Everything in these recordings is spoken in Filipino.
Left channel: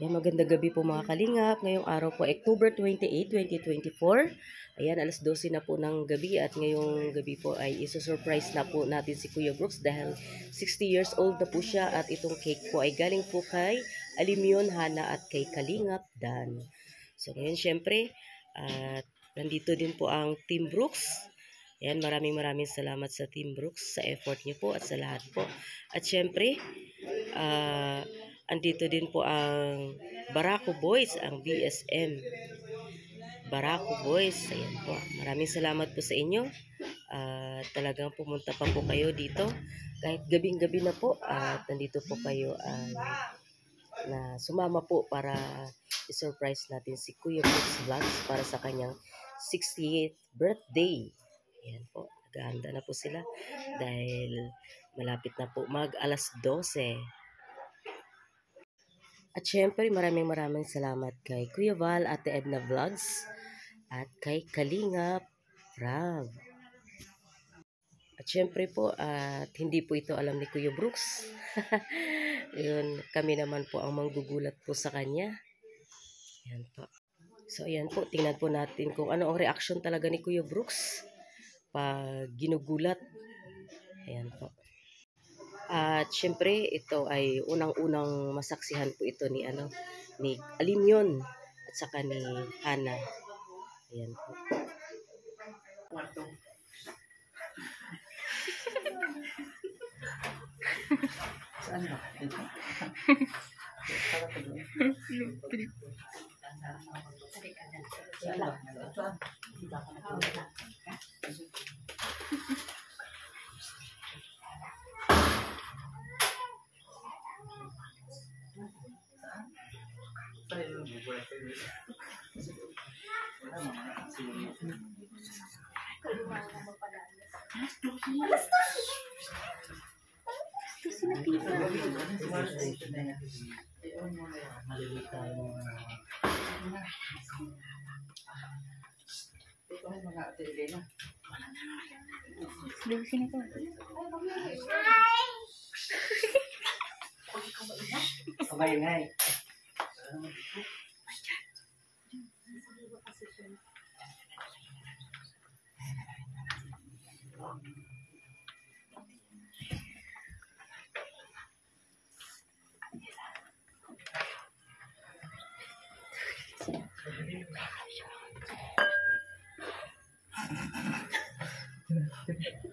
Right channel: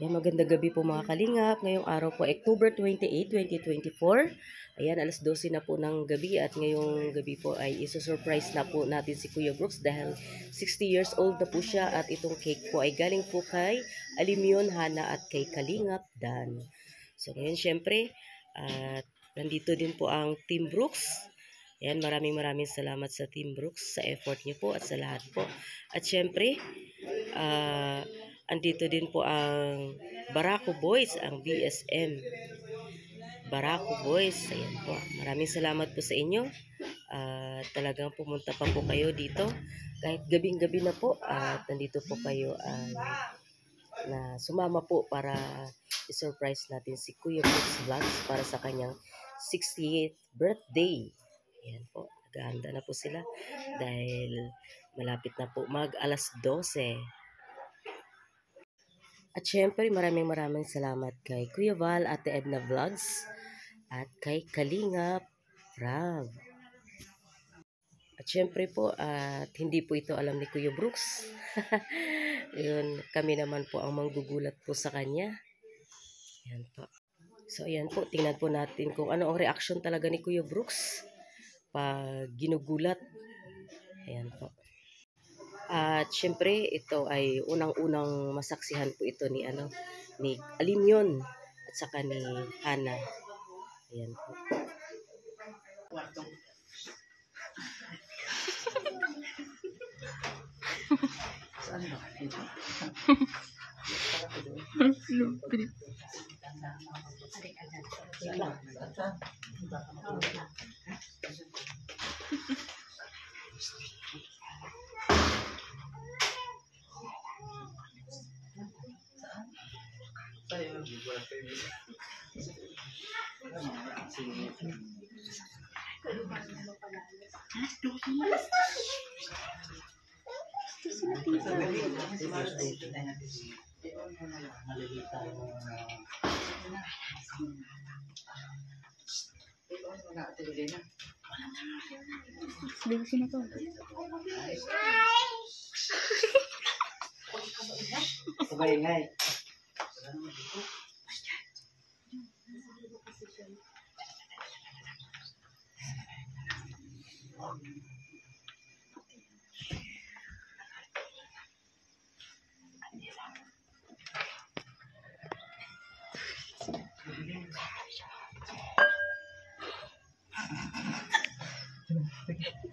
Ayan, magandang gabi po mga kalingap. Ngayong araw po, October 28, 2024. Ayan, alas 12 na po ng gabi at ngayong gabi po ay isusurprise na po natin si Kuya Brooks dahil 60 years old na po siya at itong cake po ay galing po kay Alimyon, Hana at kay Kalingap Dan. So ngayon syempre, at nandito din po ang Team Brooks. Ayan, maraming salamat sa Team Brooks sa effort niyo po at sa lahat po. At syempre, andito din po ang Barako Boys, ang BSM Barako Boys. Ayan po. Maraming salamat po sa inyo. Talagang pumunta pa po kayo dito. Kahit gabing-gabi na po. At nandito po kayo na sumama po para i-surprise natin si Kuya Brooks Vlogs para sa kanyang 68th birthday. Ayan po. Naghahanda na po sila dahil malapit na po mag alas 12. At syempre, maraming salamat kay Kuya Val, Ate Edna Vlogs, at kay Kalingap Rab. At syempre po, at hindi po ito alam ni Kuya Brooks. Yun, kami naman po ang manggugulat po sa kanya. Ayan po. So, ayan po, tingnan po natin kung ano ang reaction talaga ni Kuya Brooks pag ginugulat. Ayan po. At syempre, ito ay unang-unang masaksihan po ito ni Alimyon at saka ni Hana. Ayan po. Saan ba?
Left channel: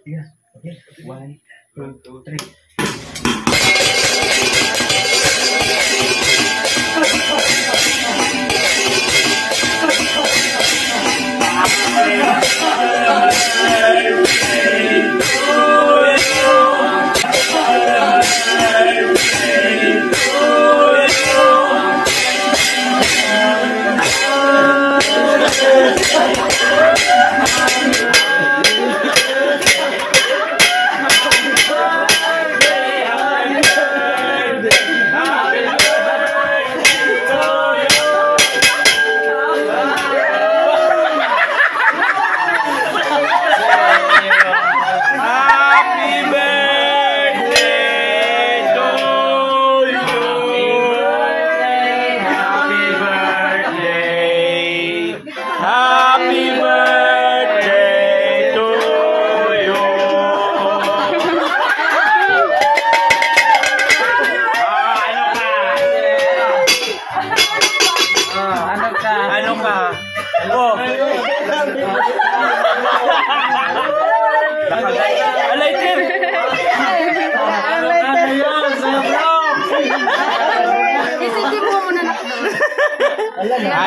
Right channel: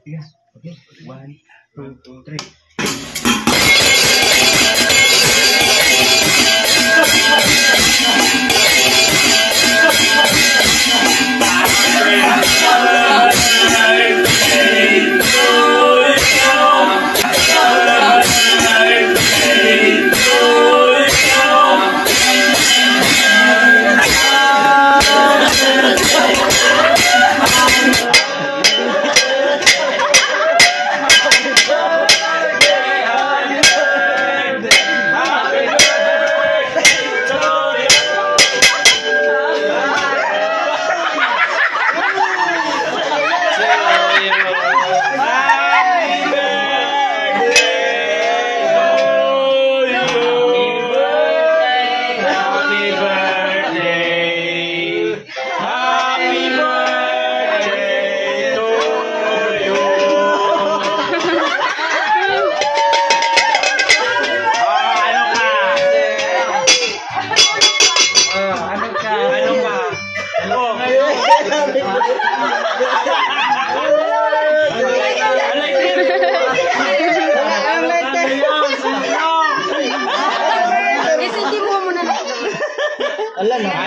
Yes. Okay. 1, 2, 3.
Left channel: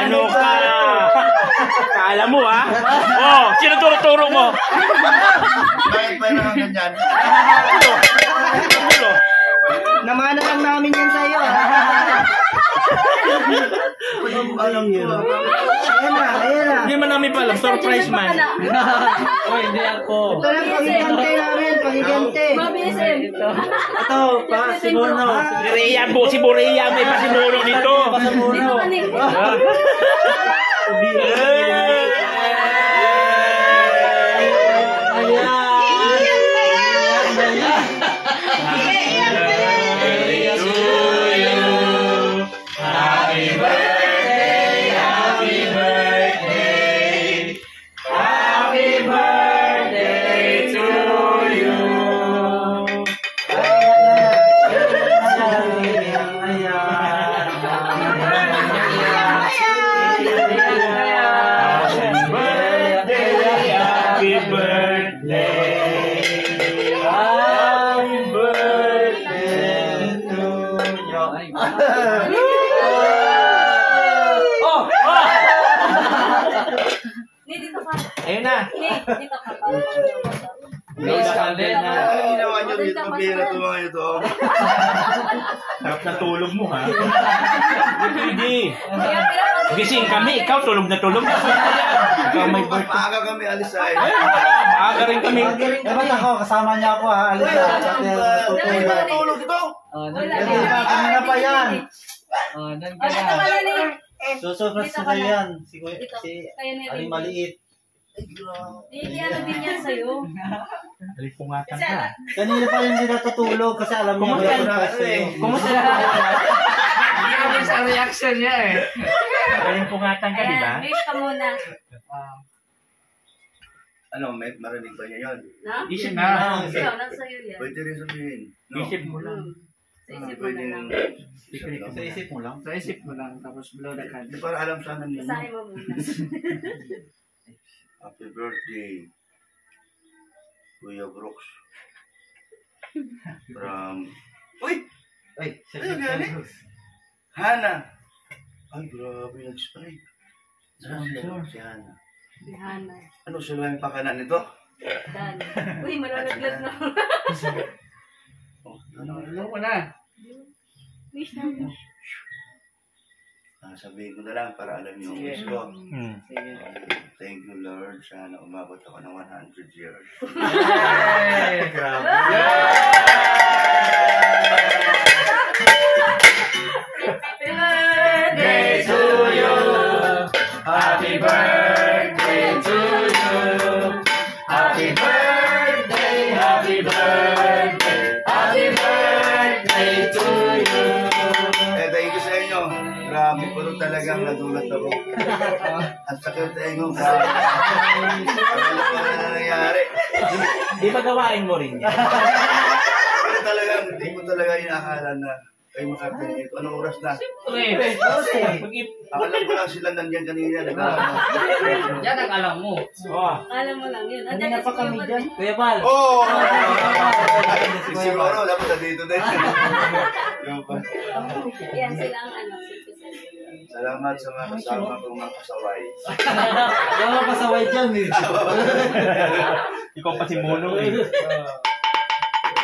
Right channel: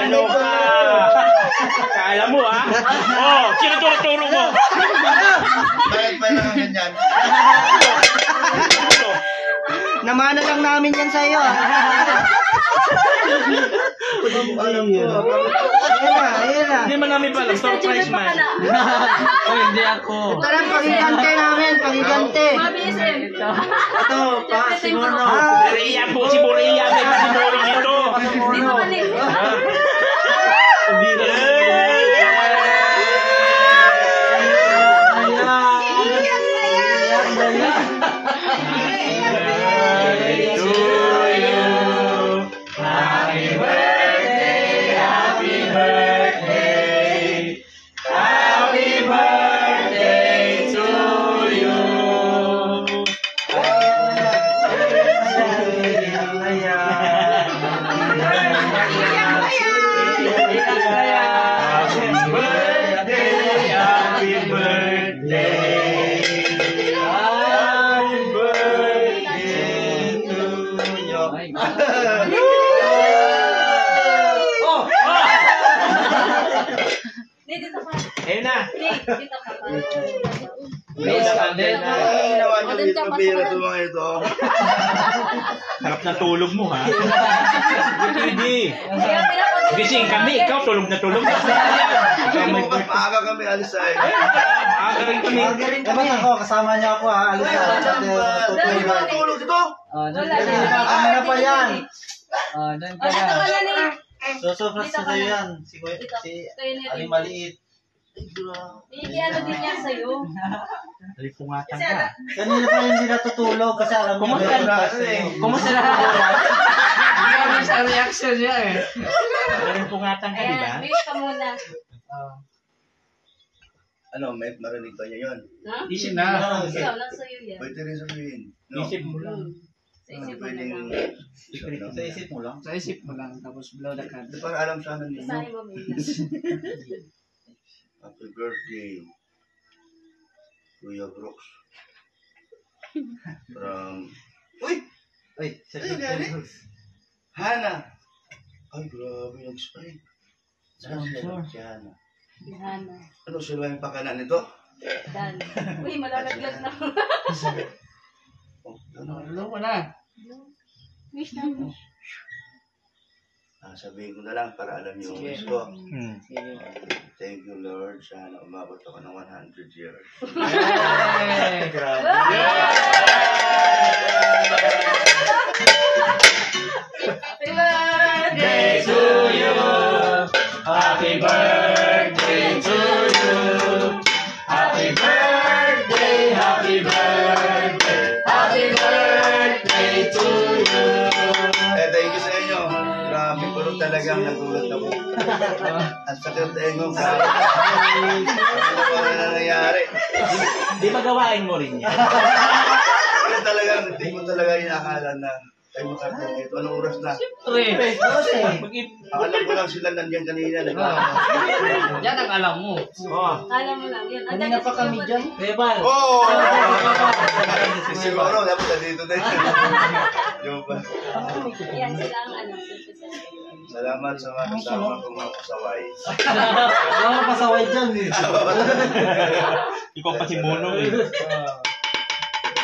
Ano ka? Kala mo Oh, sino turo mo? Bakit ba lang ganyan? Namana lang namin yan sa'yo. Alam niyo. Ayan na. Hindi man namin pala, surprise man. Hindi ako. Ito lang pagigante namin, pagigante. Ito, pa, Simono. Borea po, si Borea. May pasimuro dito. Happy birthday, happy birthday, happy birthday to you. Happy birthday, happy birthday to you. Oh! Dito ka. Ayun na. Dito ka. Dasal din na. Ginawa niyo dito, pambira ito mga ito. Sarap na tulog mo, ha? Hindi. Gising kami, ikaw tulog na tulog. Bukas maaga kami alis ay. Maaga rin kami. Dapat ako, kasama niya ako ha. Alis na. Hindi ba natulog ito? Ano pa yan? Dito ka na ni. Susupras sa sa'yo yan. Si Kayo ni Ali Rin. maliit. Hindi ano din yan sa'yo. Halipungatan ka. Kanina pa hindi natutulog kasi alam niya. Kumusta na ka? Sa reaction niya eh. Halipungatan ka, di ba? Ayan, wish ka muna. Ano, may marinig ba niya yun? Na? Isip mo lang. Ikaw, nasa'yo yan. Pwede rin sabihin. No? Isip mo lang. Sa isip mo na Pwedeng... lang. Sa isip mo lang. Sa isip mo lang, tapos blow the Hindi candle. para alam sana ninyo. Basahin mo muna. Happy birthday, Kuya Brooks. From... Uy! Ay, Ayun, yan eh. Hana! Ay, grabe, nag-spike. Saan siya? Si Hana. Hana. Ano sila yung pakanan nito? Dan. Uy, malalaglag na. Oh, ano? Blow mo na. Wish na. Sabihin ko na lang para alam niyo yung wish ko. Sige. Thank you, Lord. Sana umabot ako ng 100 years. Hey! Grabe. Happy birthday To you. Happy birthday to you. Happy birthday, happy birthday, happy birthday to you. Thank you sa inyo. Grabe, pero talagang nagulat ako. At sakit tayo ano nangyayari? Di ba gawain mo rin yan? Pero talagang, hindi ko talaga inakala na kayo makarating dito. Anong oras na? Alam ko lang sila nandiyan kanina. Yan ang alam mo. Oh. Alam mo lang yun. Kanina pa kami dyan. Kuya Bal. Oh! Siguro, dapat na dito na yun. Yung pa. Yan sila ang alam. Salamat sa mga kasama kong mga pasaway. Wala mo pasaway dyan eh. Ikaw pa si Mono eh.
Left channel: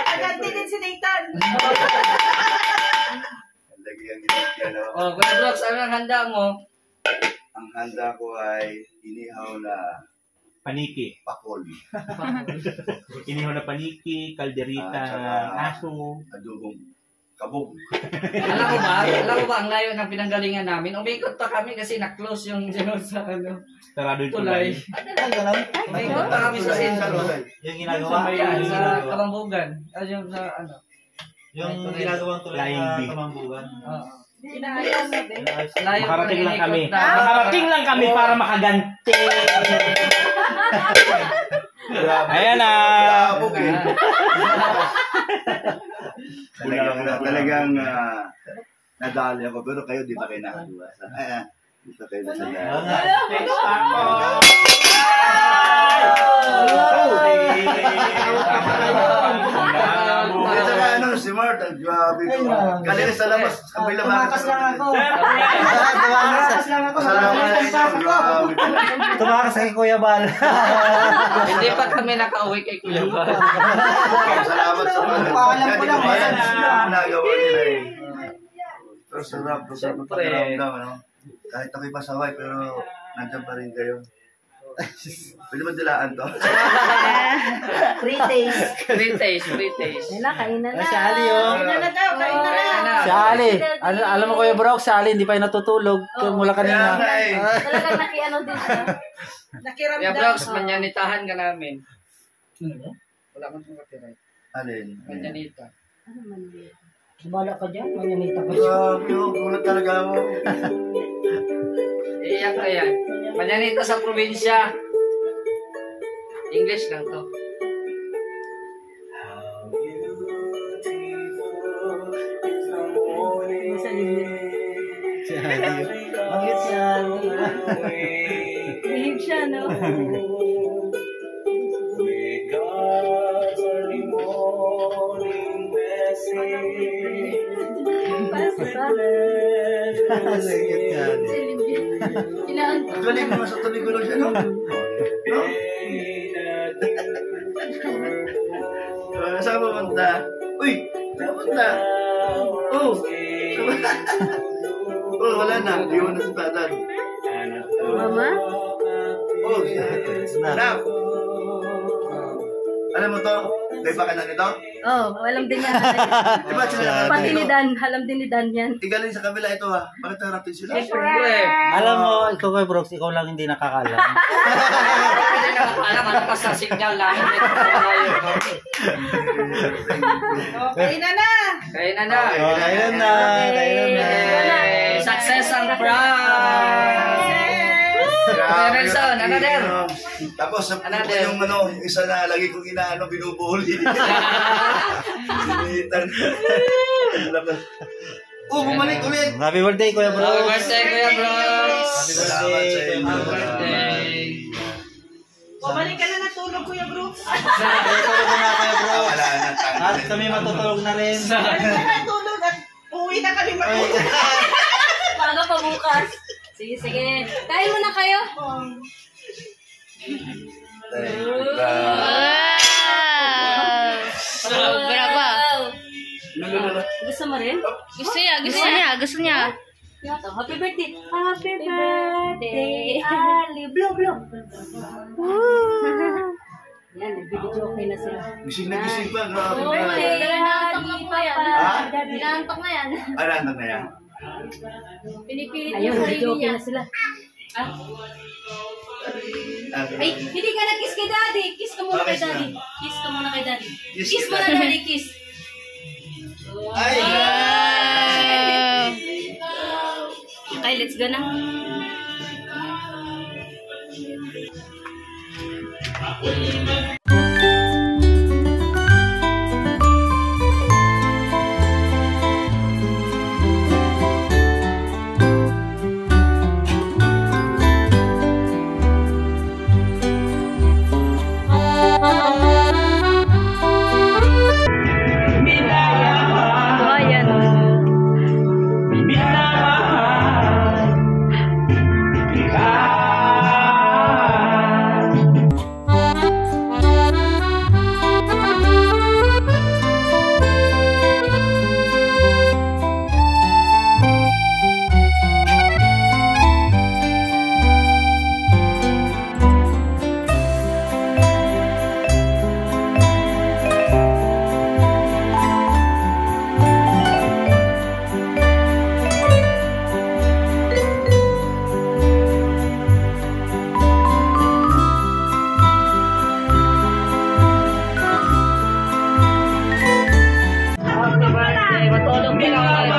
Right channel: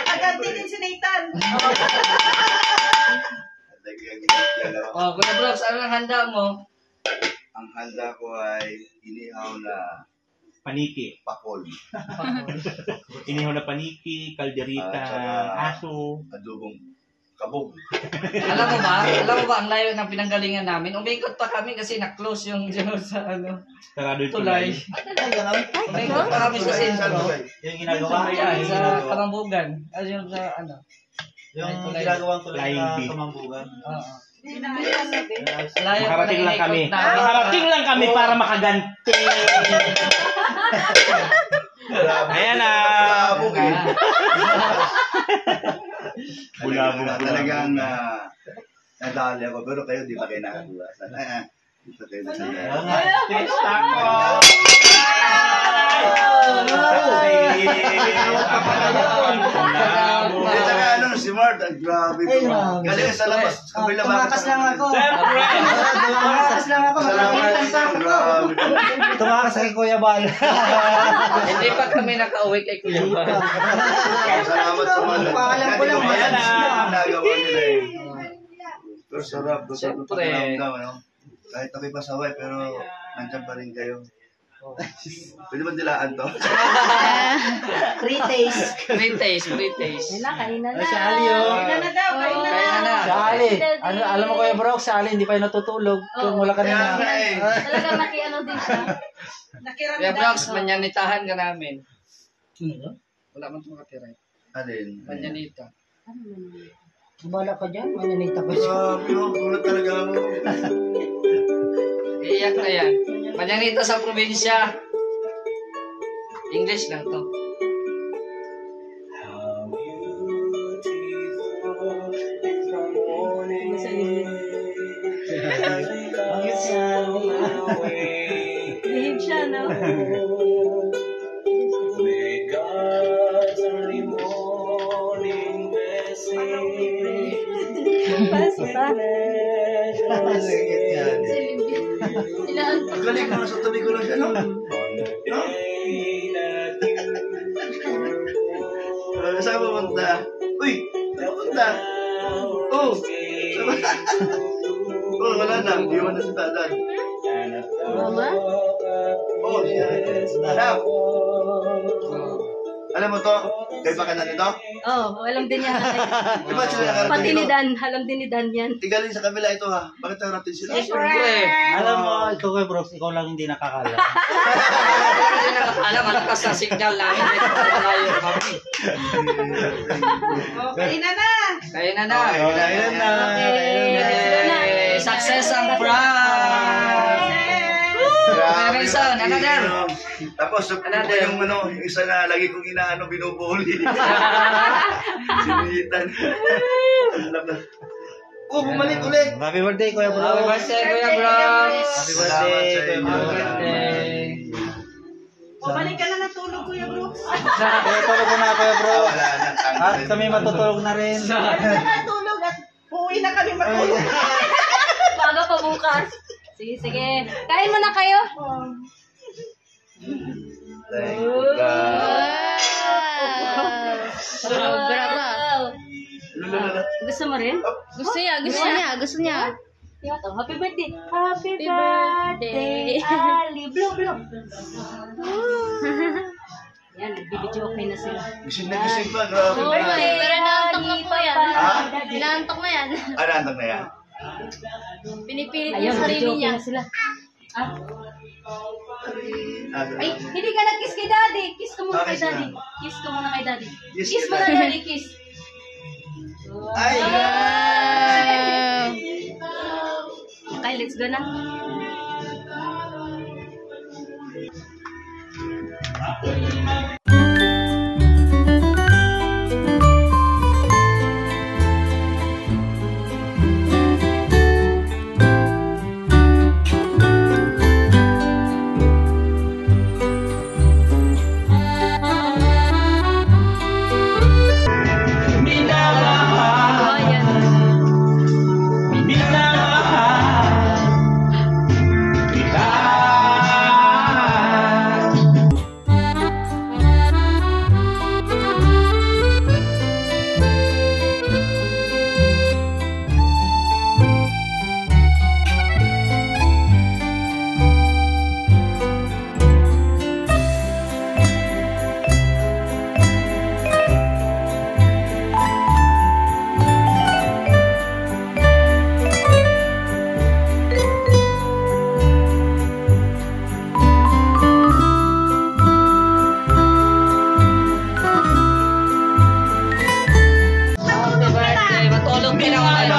Nagante din si Nathan. Lagyan ginigyan ako. Oh, Kuya Brooks, ano ang handa mo? Ang handa ko ay inihaw na Paniki. pakol. Inihaw na paniki, kalderita, Ah, tsaka- aso. Adobong kabog. Alam mo ba ang layo ng pinanggalingan namin? Umikot pa kami kasi na-close yung sa ano, Sarado yung tulay. tulay. Umikot pa kami sa sentro. Yung ginagawa. Sa Kamambugan. Ano yung sa ano? Yung ginagawang tulad Flying na bee. kamambugan. Oo. Pinanggalingan Makarating lang kami. Na- Makarating lang kami para makaganti. Ayan na. Kabog eh. Talagang nadali ako. Pero kayo di pa kayo nakakuha. Di pa kayo nasaya. At saka ano, si Mart, ang grabe ko. Galing sa labas, ang bilabakan. Tumakas lang ako. Tumakas lang ako. Grabe. Tumakas kay Kuya Bal. Hindi pa kami nakauwi kay Kuya Bal. Salamat sa mga. Paalam ko lang, Yan, massage. yung nagawa nila eh. Pero sarap, sarap ng Siyempre. pakiramdam, ano? Kahit ako'y pasaway, pero nandiyan pa rin kayo. Pwede ba dilaan to? Free taste. Free taste, free taste. Nila, kainan na. Si Ali, oh. Kainan na daw, kainan na. Kaya na. Si Ali. Alam mo Kuya Brooks, si Ali hindi pa yung natutulog. Oo. Mula Kaya kanina. nga eh. Talagang nakiano din siya. Nakiramdam. Kuya Brooks, manyanitahan ka namin. Wala man itong katira. Alin? Manyanita. Ano man yun? Bala ka dyan, mananita pa siya. Grabe, oh, gulat talaga ako. Iyak na yan. Manyanita sa probinsya. English lang to. Bakit siya? Behave siya, no? Ang galing naman sa tabi ko lang siya, no? No? Saan ka pupunta? Uy! Saan ka pupunta? Oh! Oh, wala na. Hindi mo na sa tatan. Mama? Oh, anak. Alam mo to? May baka na nito? Oh, alam din yan. Di ba sila nakarating Pati ni dito? Dan, alam din ni Dan yan. Igaling sa kabila ito ha. Bakit nakarating sila? Siyempre. Alam mo, ikaw kay Brooks, ikaw lang hindi nakakalam. Hindi na alam ano pa sa signal namin. Okay na na. Kaya na na. Okay, Ayun na. Yay! Success ang prank! Grabe. Nelson, yung- another. Tapos yung Another. yung yung isa na lagi kong inaano, binubuli. Sinilitan. Oh, bumalik ulit. Happy birthday, Kuya Happy Brooks. birthday, Kuya Bronx! Happy birthday, Kuya Happy Brooks. birthday! Bumalik ka na natulog, Kuya Brooks. Tulog na, Kuya Brooks. Wala na. At kami matutulog na rin. Bumalik ka na natulog at uwi na kami matulog. Bago pa bukas. Sige, sige. Kain mo na kayo. Sobra ba? Lululula. Gusto mo rin? Gusto niya, gusto niya, gusto niya. Yato, happy birthday. Happy birthday, Ali. Blue, blue. Yan, nagbibidyo okay na sila. Gising na gising pa. Grabe. Happy birthday, Ali, Papa. Ha? Pinantok mo yan. Alam na yan. Pinipilit yung Ayun, sarili video okay niya. na sila. Ah, Ay, hindi ka nag-kiss kay Daddy. Kiss ka muna kay Bakit Daddy. na? Kiss ka muna kay Daddy. Kiss Kiss ka muna Daddy. Daddy, kiss. Ay! Okay, let's go na. Ayan. Happy birthday! Matulog ka na ulit.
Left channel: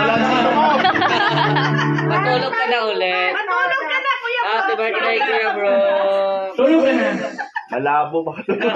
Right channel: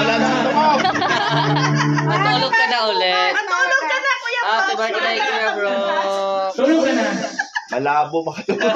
Matulog ka na ulit. Matulog ka na, Kuya Happy birthday, Kuya Bronx! Tulog ka na. Malabo makatulog.